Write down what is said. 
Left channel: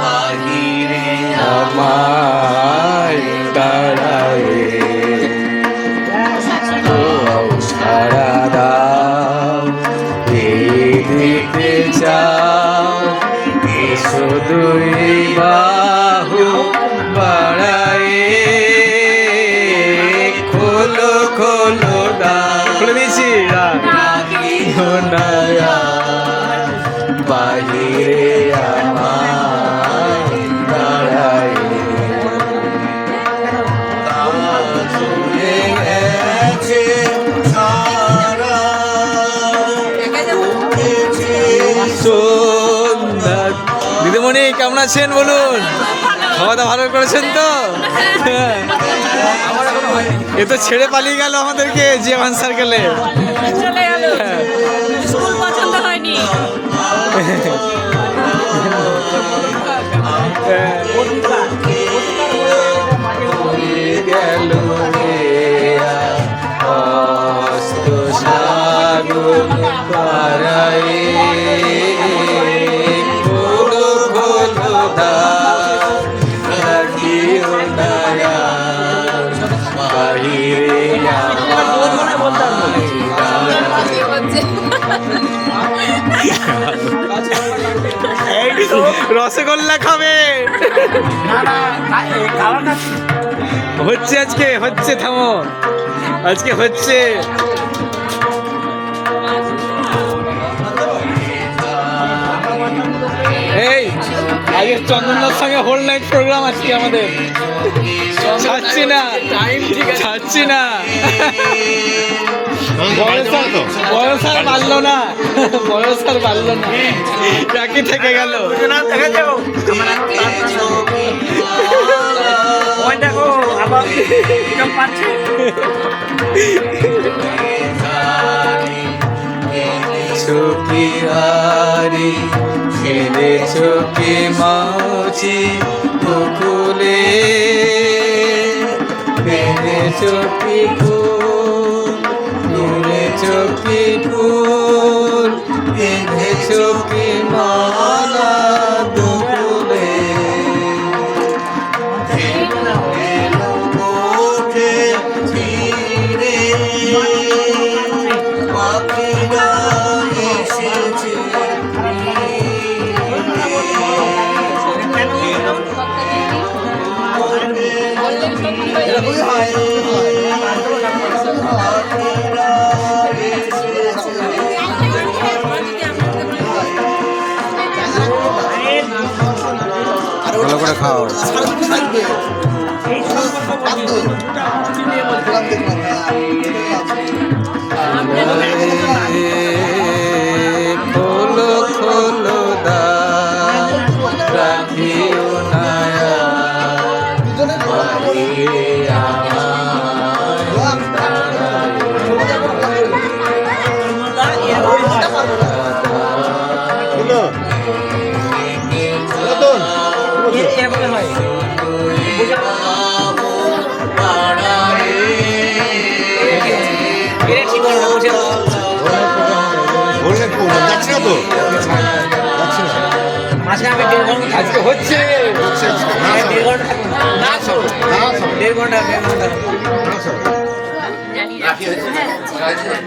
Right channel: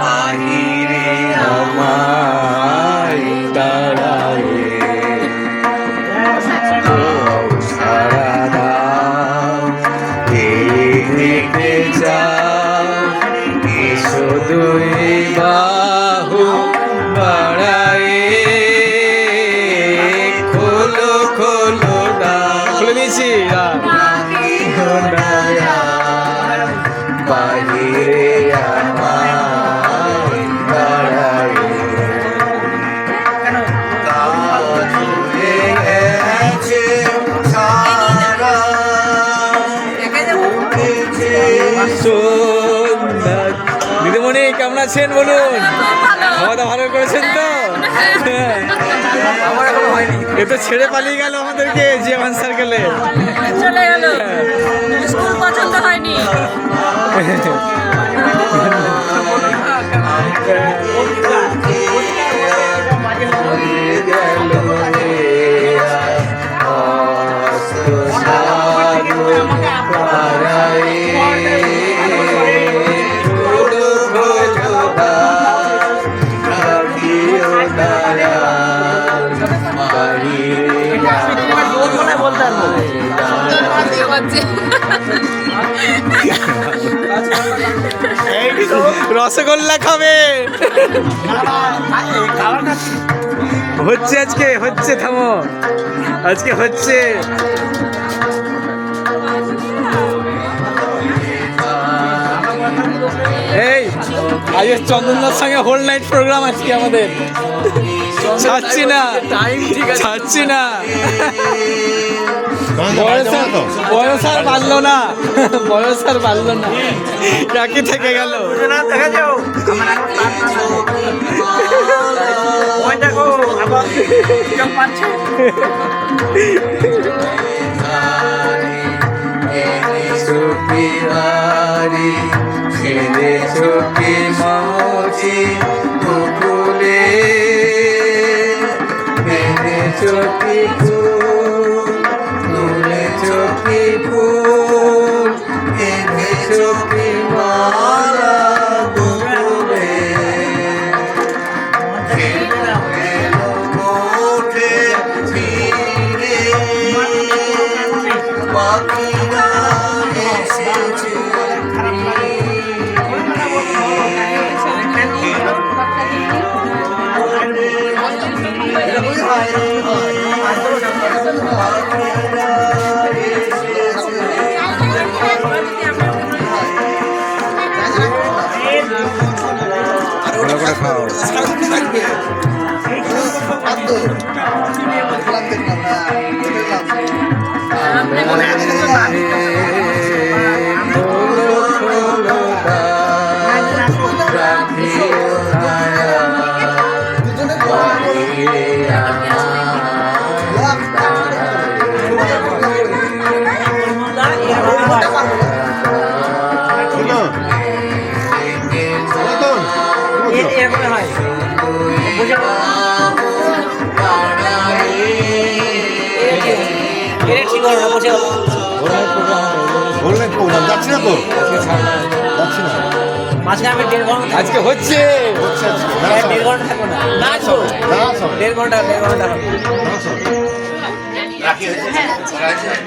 বাহিরে আমার দাঁড়ায় সারা দাও দেখতে যাও এসো দুই বাহু বাড়ায় খোলো খোলো দাও খুলে দিয়েছি বাহিরে আমার দাঁড়ায় কাজ হয়ে গেছে সারা সন্ধ্যা। দিদিমণি কেমন আছেন বলুন? খাওয়া দাওয়া ভালো করেছেন তো? আমার এখনো হয়নি। এ তো ছেড়ে পালিয়ে গেল আমাদেরকে জিয়ামান সার্কেলে। চলে গেল, স্কুল পছন্দ হয়নি। গেল অস্ত সাগর পাড়ায় খোলো খোলো দ্বার রাখিও দয়া বাহিরে রসগোল্লা খাবে হচ্ছে আজকে হচ্ছে থামো আজকে হচ্ছে এই আজকে চন্দনদার সঙ্গে হোল নাইট প্রোগ্রাম আজকে আমাদের ছাড়ছি না ছাড়ছি না বয়স আর বাড়লো না বয়স আর বাড়লো না একই থেকে গেল ছবি হারি ছেলে ছবি মাছি কুকুলে মেরে ছবি ফুল তুলে ছবি ফুল মেরে ছবি মালা দুকুলে ওঠে ফিরে পাখিরা এসেছে ভালো করে খাও খোলো খোলো দ্বার রাখিও নায়া বাহিরে আমার আজকে হচ্ছে 1.5 ঘন্টা